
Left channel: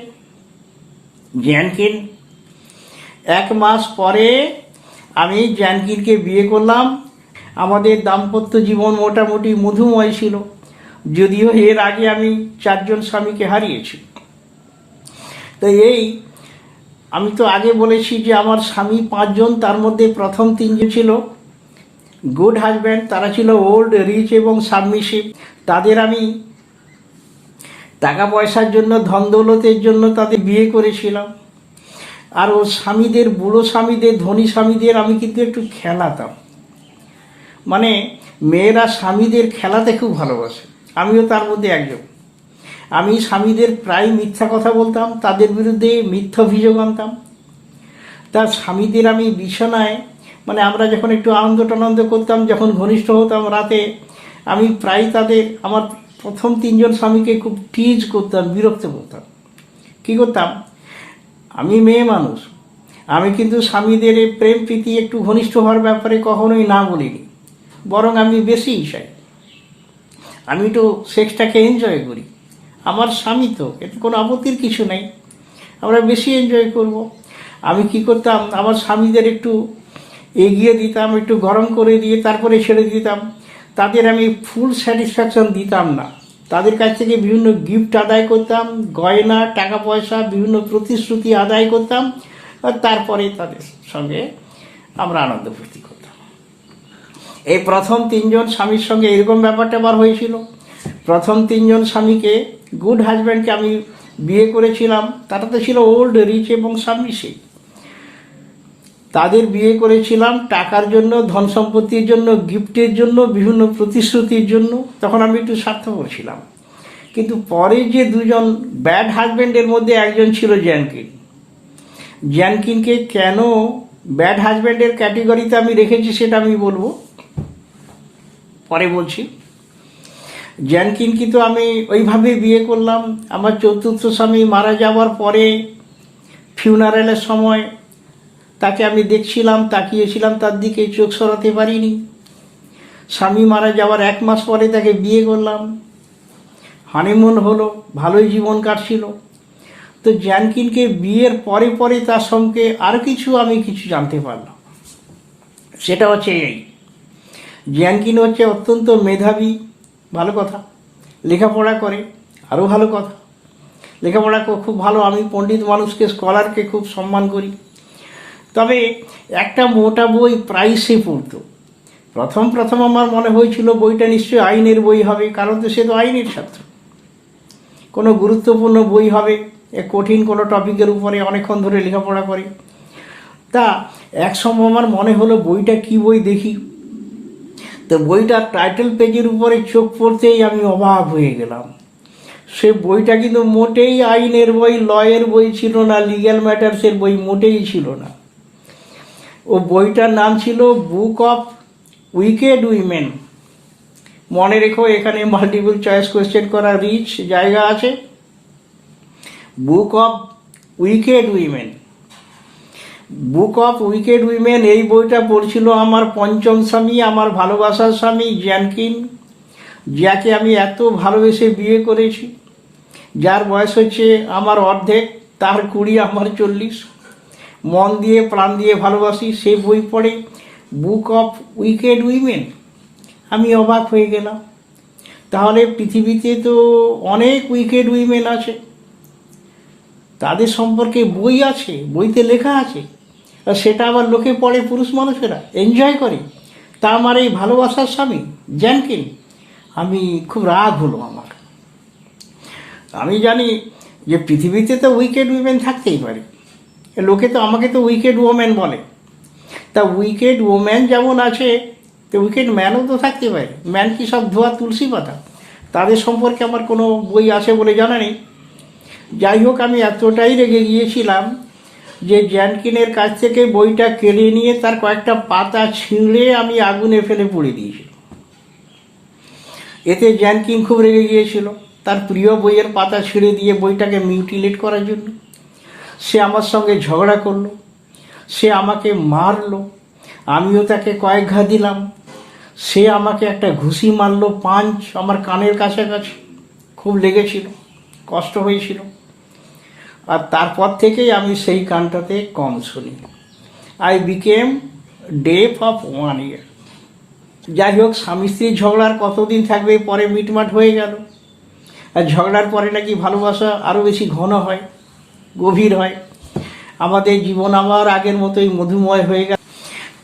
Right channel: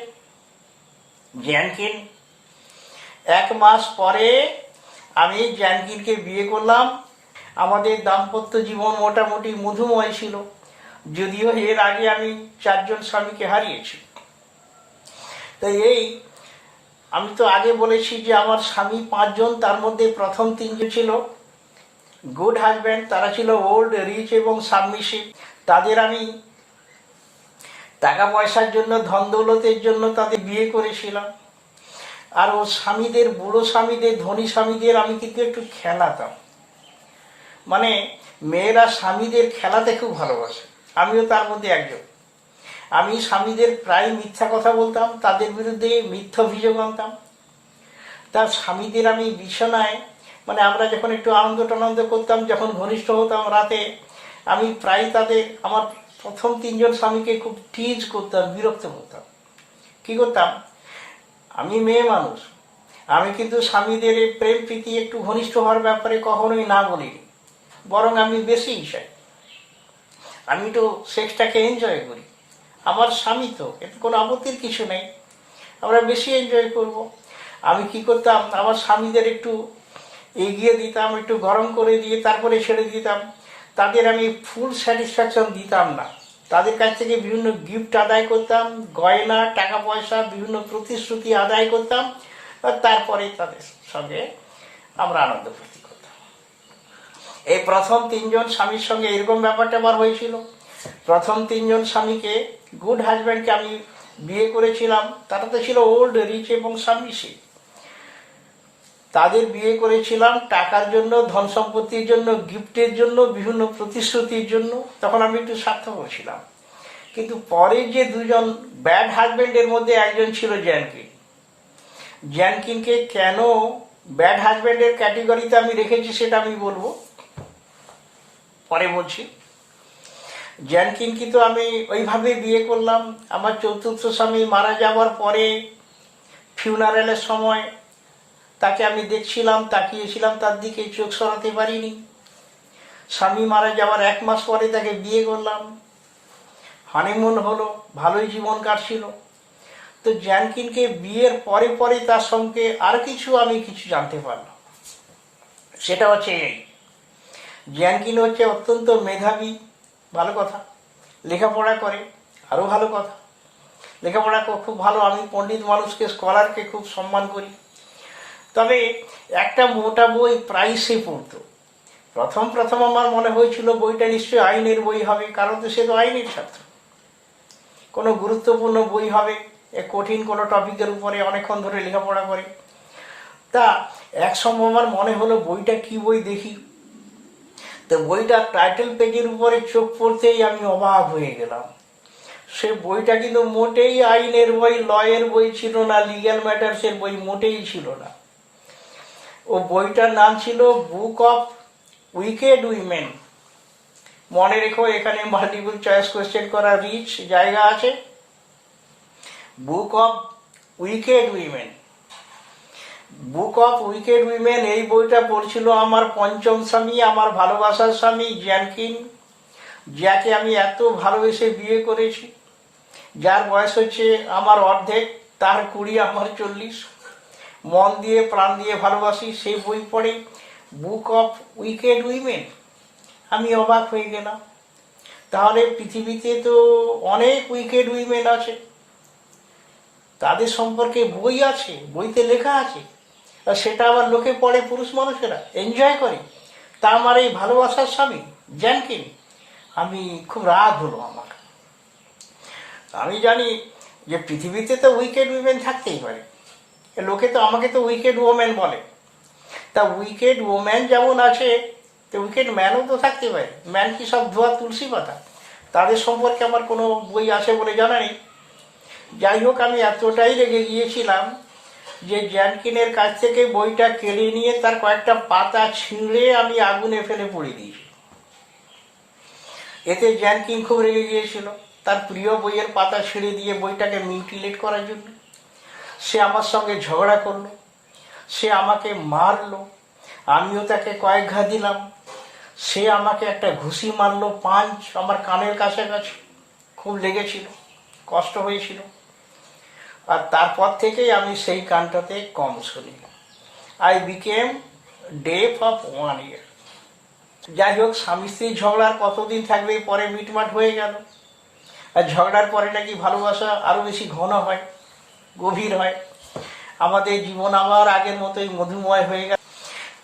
জ্যানকিন। 1 মাস পরে আমি জ্যানকিনকে বিয়ে করলাম। আমাদের দাম্পত্য জীবন মোটামুটি মধুময় ছিল, যদিও এর আগে আমি 4 জন স্বামীকে হারিয়েছি। তো আমি তো আগে বলেছি যে আমার স্বামী 5 জন, তার মধ্যে প্রথম 3 জন ছিল গুড হাজব্যান্ড, তারা ছিল ওল্ড, রিচ এবং সাবমিসিভ। তাদের আমি টাকা পয়সার জন্য, ধন দৌলতের জন্য তাদের বিয়ে করেছিলাম। আর ও স্বামীদের, বুড়ো স্বামীদের, ধনী স্বামীদের আমি কিন্তু একটু খেলাতাম। মানে মেয়েরা স্বামীদের খেলাতে খুব ভালোবাসে, আমিও তার মধ্যে একজন। আমি স্বামীদের প্রায় মিথ্যা কথা বলতাম, তাদের বিরুদ্ধে মিথ্যা অভিযোগ আনতাম। তার স্বামীদের আমি বিছানায়, মানে আমরা যখন একটু আনন্দ টানন্দ করতাম, যখন ঘনিষ্ঠ হতাম রাতে, আমি প্রায় তাদের, আমার প্রথম 3জন স্বামীকে খুব টিজ করতাম, বিরক্ত করতাম। কি করতাম, আমি মেয়ে মানুষ, আমি কিন্তু স্বামীদের এই প্রেম প্রীতি একটু ঘনিষ্ঠ হওয়ার ব্যাপারে কখনোই না বলিনি, বরং আমি বেশি চাই, আমি তো সেক্সটাকে এনজয় করি, আমার স্বামী তো, এতে কোনো আপত্তির কিছু নেই, আমরা বেশি এনজয় করব। আমি কি করতাম, আমার স্বামীদের একটু এগিয়ে দিতাম, একটু গরম করে দিয়ে তারপরে ছেড়ে দিতাম। তাদের আমি ফুল স্যাটিসফ্যাকশন দিতাম না, তাদের কাছ থেকে বিভিন্ন গিফট আদায় করতাম, গয়না, টাকা পয়সা, বিভিন্ন প্রতিশ্রুতি আদায় করতাম, আর তারপরে তাদের সঙ্গে আমরা আনন্দ ফুর্তি করতাম। এই প্রথম 3জন স্বামীর সঙ্গে এরকম ব্যাপারটা আবার হয়েছিল। প্রথম 3জন স্বামীকে, গুড হাজব্যান্ডকে আমি বিয়ে করেছিলাম, তারা তো ছিল ওল্ড, রিচ এবং সাবমিসিভ। তাদের বিয়ে করেছিলাম টাকার জন্য, ধন সম্পত্তির জন্য, গিফটের জন্য, বিভিন্ন প্রতিশ্রুতির জন্য। তখন আমি একটু স্বার্থপর ছিলাম। কিন্তু পরে যে 2জন ব্যাড হাজব্যান্ডের মধ্যে একজন ছিল জ্যানকিন। জ্যানকিনকে কেন ব্যাড হাজব্যান্ডের ক্যাটেগরিতে আমি রেখেছি সেটা আমি বলবো, পরে বলছি। জ্যানকিনকে তো আমি ওইভাবে বিয়ে করলাম। আমার 4র্থ স্বামী মারা যাওয়ার পরে ফিউনারেলের সময় তাকে আমি দেখছিলাম, তাকিয়েছিলাম তার দিকে, চোখ সরাতে পারিনি। স্বামী মারা যাওয়ার 1 মাস পরে তাকে বিয়ে করলাম, হানিমুন হলো, ভালোই জীবন কাটছিল। তো জ্যানকিনকে বিয়ের পরে পরে তার সঙ্গে আর আমি কিছু জানতে পারলাম। সেটা হচ্ছে এই, জ্যানকিন হচ্ছে অত্যন্ত মেধাবী, ভালো কথা, লেখাপড়া করে, আরও ভালো কথা, লেখাপড়া খুব ভালো। আমি পণ্ডিত মানুষকে, স্কলারকে খুব সম্মান করি। তবে একটা মোটা বই প্রায় সে পড়ত। প্রথম আমার মনে হয়েছিল বইটা নিশ্চয়ই আইনের বই হবে, কারণ তো সে তো আইনের ছাত্র, কোনো গুরুত্বপূর্ণ বই হবে, কঠিন কোনো টপিকের উপরে অনেকক্ষণ ধরে লেখাপড়া করে। তা এক সময় আমার মনে হলো বইটা কি বই দেখি। তো বইটার টাইটেল পেজের উপরে চোখ পড়তেই আমি অবাক হয়ে গেলাম। সে বইটা কিন্তু মোটেই আইনের বই, লয়ের বই ছিল না, লিগ্যাল ম্যাটার্সের বই মোটেই ছিল না। ও বইটার নাম ছিল বুক অফ উইকেড উইমেন। মনে রেখো, এখানে মাল্টিপল চয়েস কোয়েশ্চেন করার রিচ জায়গা আছে। Book of wicked women, book of wicked women, এই বইটা পড়ছিল আমার 5ম স্বামী, আমার ভালোবাসার স্বামী জ্যানকিন, যাকে আমি এত ভালোবেসে বিয়ে করেছি, যার বয়স হচ্ছে আমার অর্ধেক, তার 20, আমার 40, মন দিয়ে প্রাণ দিয়ে ভালোবাসি। সেই বই পড়ে, বুক অফ উইকেড উইমেন, আমি অবাক হয়ে গেলাম। তাহলে পৃথিবীতে তো অনেক উইকেড উইমেন আছে, তাদের সম্পর্কে বই আছে, বইতে লেখা আছে, আর সেটা আবার লোকে পড়ে, পুরুষ মানুষেরা এনজয় করে। তা আমার এই ভালোবাসার স্বামী জ্যানকিন, আমি খুব রাগ হলো আমার। আমি জানি যে পৃথিবীতে তো উইকেড উইমেন থাকতেই পারে, লোকে তো আমাকে তো উইকেড ওম্যান বলে। তা উইকেড ওম্যান যেমন আছে, তো উইকেড ম্যানও তো থাকতে পারে। ম্যান কি সব ধোয়া তুলসী পাতা? তাদের সম্পর্কে আমার কোনো বই আছে বলে জানা নেই। যাই হোক, আমি এতটাই রেগে গিয়েছিলাম যে জ্যানকিনের কাছ থেকে বইটা কেড়ে নিয়ে তার কয়েকটা পাতা ছিঁড়ে আমি আগুনে ফেলে পুড়ে দিয়েছি। এতে জ্যানকিন খুব রেগে গিয়েছিল, তার প্রিয় বইয়ের পাতা ছিঁড়ে দিয়ে বইটাকে মিউটিলেট করার জন্য। সে আমার সঙ্গে ঝগড়া করলো, সে আমাকে মারলো, আমিও তাকে কয়েক ঘা দিলাম। সে আমাকে একটা ঘুষি মারলো, পাঞ্চ, আমার কানের কাছাকাছি, খুব লেগেছিল, কষ্ট হয়েছিল। আর তারপর থেকেই আমি সেই গানটাতে কম শুনি। I became deaf of 1 year। যাই হোক, স্বামী স্ত্রীর ঝগড়ার কতদিন থাকবে, পরে মিটমাট হয়ে গেল। আর ঝগড়ার পরে নাকি ভালোবাসা আরও বেশি ঘন হয়, গভীর হয়। আমাদের জীবন আবার আগের মতোই মধুময় হয়ে গেল।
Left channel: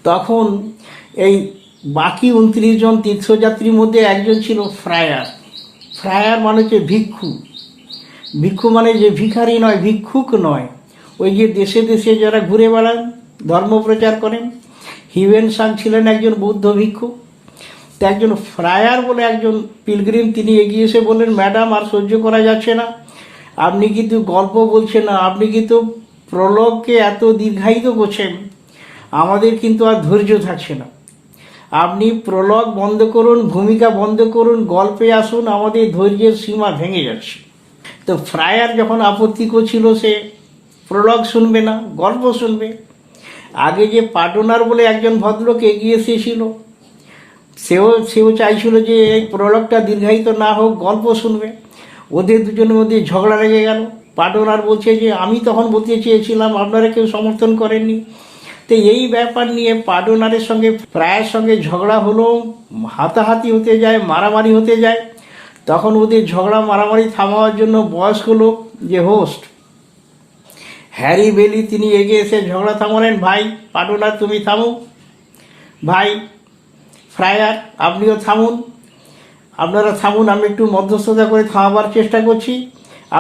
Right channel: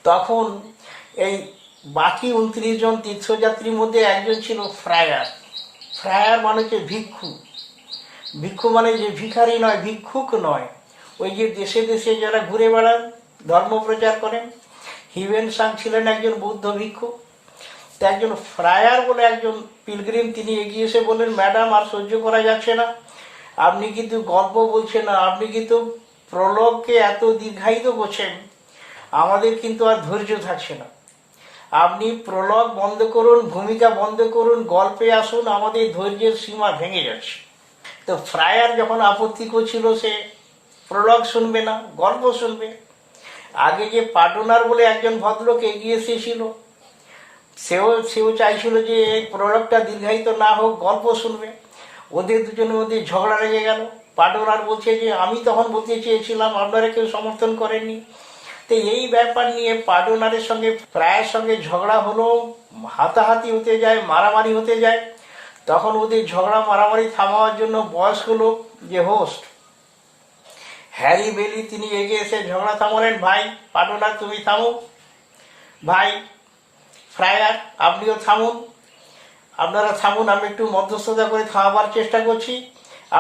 তখন এই বাকি 29 জন তীর্থযাত্রীর মধ্যে একজন ছিল ফ্রায়ার। ফ্রায়ার মানে হচ্ছে ভিক্ষু। ভিক্ষু মানে যে ভিখারি নয়, ভিক্ষুক নয়, ওই যে দেশে দেশে যারা ঘুরে বেড়ান, ধর্ম প্রচার করেন। হিউয়েন সাং ছিলেন একজন বৌদ্ধ ভিক্ষু। তো একজন ফ্রায়ার বলে একজন পিলগ্রিম, তিনি এগিয়ে এসে বললেন, ম্যাডাম আর সহ্য করা যাচ্ছে না, আপনি কিন্তু গল্প বলছেন না, আপনি কিন্তু প্রলোভকে এত দীর্ঘায়িত করছেন, আমাদের কিন্তু আর ধৈর্য থাকছে না। আপনি প্রলোভ বন্ধ করুন, ভূমিকা বন্ধ করুন, গল্পে আসুন, আমাদের ধৈর্যের সীমা ভেঙে যাচ্ছে। তো ফ্রায়ার যখন আপত্তি করছিল, সে প্রলোভ শুনবে না, গল্প শুনবে। আগে যে পার্টনার বলে একজন ভদ্রলোক এগিয়ে এসেছিল, সেও চাইছিল যে এই প্রলোভটা দীর্ঘায়িত না হোক, গল্প শুনবে। ওদের দুজনের মধ্যে ঝগড়া লেগে গেল। পার্টনার বলছে যে আমি তখন বলতে চেয়েছিলাম, আপনারা কেউ সমর্থন করেননি। তো এই ব্যাপার নিয়ে পার্টনারের সঙ্গে ফ্রায়ার সঙ্গে ঝগড়া হলো, হাতাহাতি হতে যায়, মারামারি হতে যায়। তখন ওদের ঝগড়া মারামারি থামাবার জন্য বয়স্ক লোক যে হোস্ট হ্যারি বেলি, তিনি এগিয়ে এসে ঝগড়া থামালেন। ভাই পার্টনার, তুমি থামো। ভাই ফ্রায়ার, আপনিও থামুন। আপনারা থামুন, আমি একটু মধ্যস্থতা করে থামাবার চেষ্টা করছি।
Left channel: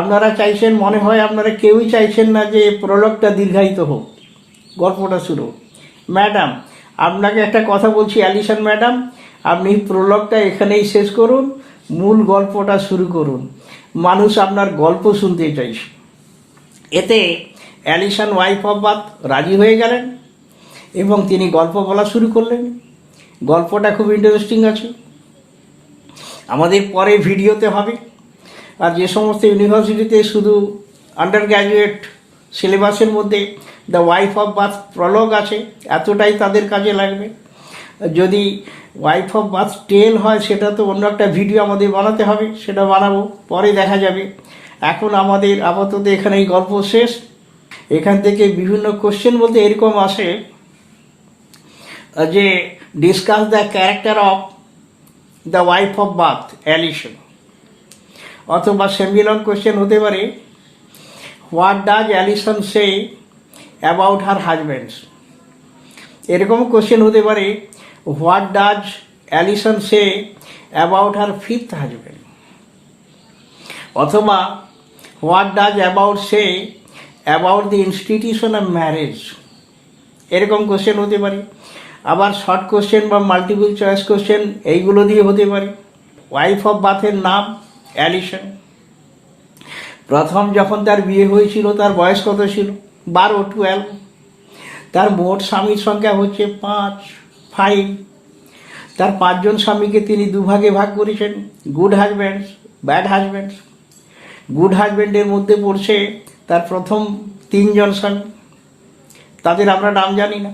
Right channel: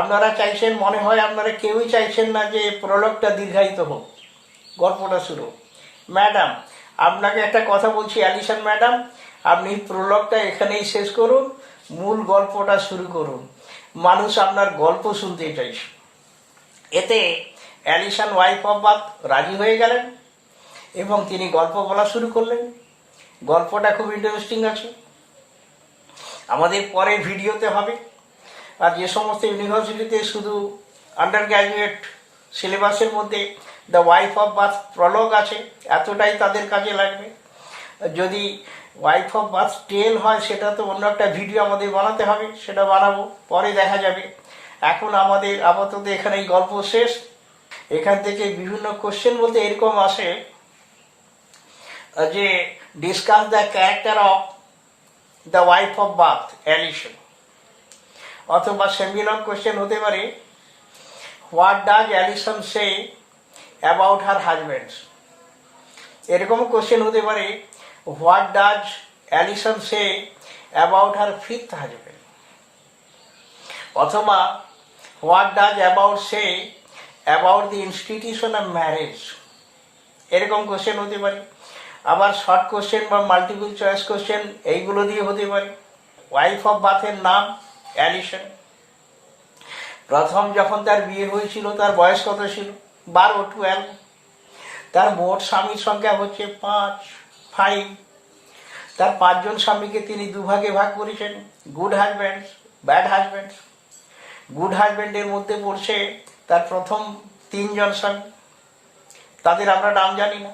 আপনারা চাইছেন, মনে হয় আপনারা কেউই চাইছেন না যে প্রলোভটা দীর্ঘায়িত হোক, গল্পটা শুরু। ম্যাডাম, আপনাকে একটা কথা বলছি, অ্যালিসন ম্যাডাম, আপনি প্রলোভটা এখানেই শেষ করুন, মূল গল্পটা শুরু করুন। মানুষ আপনার গল্প শুনতে চাইছে। এতে অ্যালিসন ওয়াইফ অফ বাথ রাজি হয়ে গেলেন এবং তিনি গল্প বলা শুরু করলেন। গল্পটা খুব ইন্টারেস্টিং আছে, আমাদের পরে ভিডিওতে হবে। আর যে সমস্ত ইউনিভার্সিটিতে শুধু আন্ডার গ্র্যাজুয়েট সিলেবাসের মধ্যে the wife of Bath prologue আছে, এতটাই তাদের কাজে লাগবে। যদি ওয়াইফ অফ বাথ টেল হয়, সেটা তো অন্য একটা ভিডিও আমাদের বানাতে হবে, সেটা বানাবো, পরে দেখা যাবে। এখন আমাদের আপাতত এখানে এই গল্প শেষ। এখান থেকে বিভিন্ন কোশ্চেন বলতে এরকম আসে যে discuss the character of the wife of Bath Alison, অথবা সেমিলন কোশ্চেন হতে পারে what does Alison say about her husbands. এরকম কোশ্চেন হতে পারে what does Alison say about her fifth husband, অথবা what does about say about the institution of marriage. এরকম question হতে পারে। আবার শর্ট কোশ্চেন বা মাল্টিপল চয়েস কোশ্চেন এইগুলো দিয়ে হতে পারে। ওয়াইফ অফ বাথের নাম অ্যালিসন। প্রথম যখন তার বিয়ে হয়েছিল তার বয়স কত ছিল? 12। তার মোট স্বামীর সংখ্যা হচ্ছে 5। তার 5 জন স্বামীকে তিনি দুভাগে ভাগ করেছেন, good husbands, bad husbands. Good হাজব্যান্ডের মধ্যে পড়ছে তার প্রথম 3 জন স্বামী, তাদের আমরা নাম জানি না।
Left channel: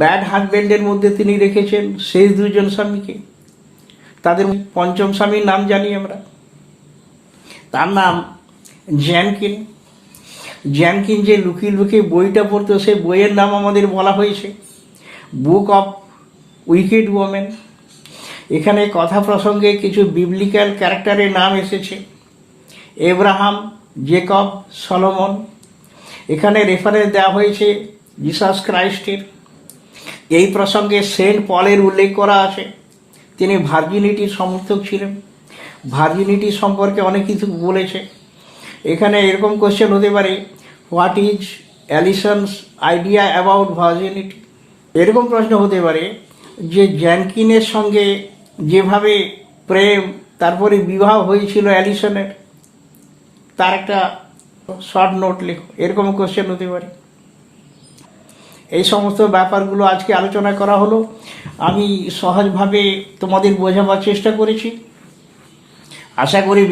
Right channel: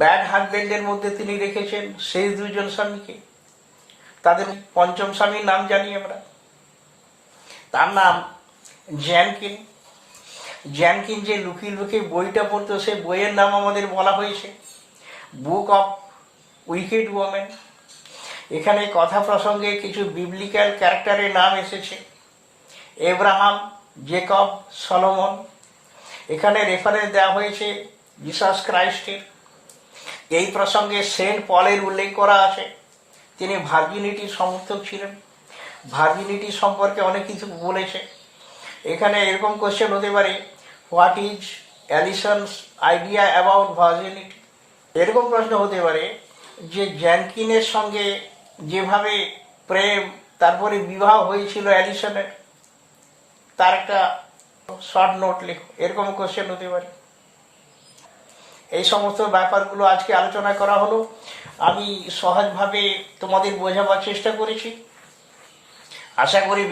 ব্যাড হাজব্যান্ডের মধ্যে তিনি রেখেছেন শেষ 2 জন স্বামীকে, তাদের পঞ্চম স্বামীর নাম জানি আমরা, তার নাম জ্যানকিন। জ্যানকিন যে লুকিয়ে লুকিয়ে বইটা পড়তো, সে বইয়ের নাম আমাদের বলা হয়েছে বুক অফ উইকেড ওমেন। এখানে কথা প্রসঙ্গে কিছু বিবলিক্যাল ক্যারেক্টারের নাম এসেছে, এব্রাহাম, জেকব, সলোমন। এখানে রেফারেন্স দেওয়া হয়েছে জিসাস ক্রাইস্টের। এই প্রসঙ্গে সেন্ট পলের উল্লেখ করা আছে, তিনি ভার্জিনিটির সমর্থক ছিলেন, ভার্জিনিটি সম্পর্কে অনেক কিছু বলেছে। এখানে এরকম কোশ্চেন হতে পারে what is Alison's idea about virginity. এরকম প্রশ্ন হতে পারে যে জ্যানকিনের সঙ্গে যেভাবে প্রেম তারপরে বিবাহ হয়েছিল অ্যালিসনের, তার একটা শর্ট নোট লেখো। এরকম কোশ্চেন হতে পারে। এই সমস্ত ব্যাপারগুলো আজকে আলোচনা করা হলো। আমি সহজভাবে তোমাদের বোঝাবার চেষ্টা করেছি, আশা করি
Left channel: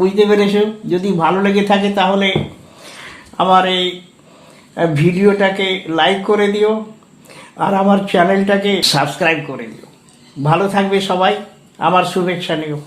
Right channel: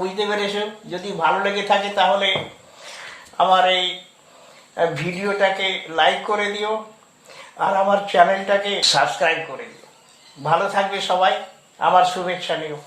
বুঝতে পেরেছ। যদি ভালো লেগে থাকে তাহলে আমার এই ভিডিওটাকে লাইক করে দিও আর আমার চ্যানেলটাকে সাবস্ক্রাইব করে দিও। ভালো থাকবে সবাই, আমার শুভেচ্ছা নিও।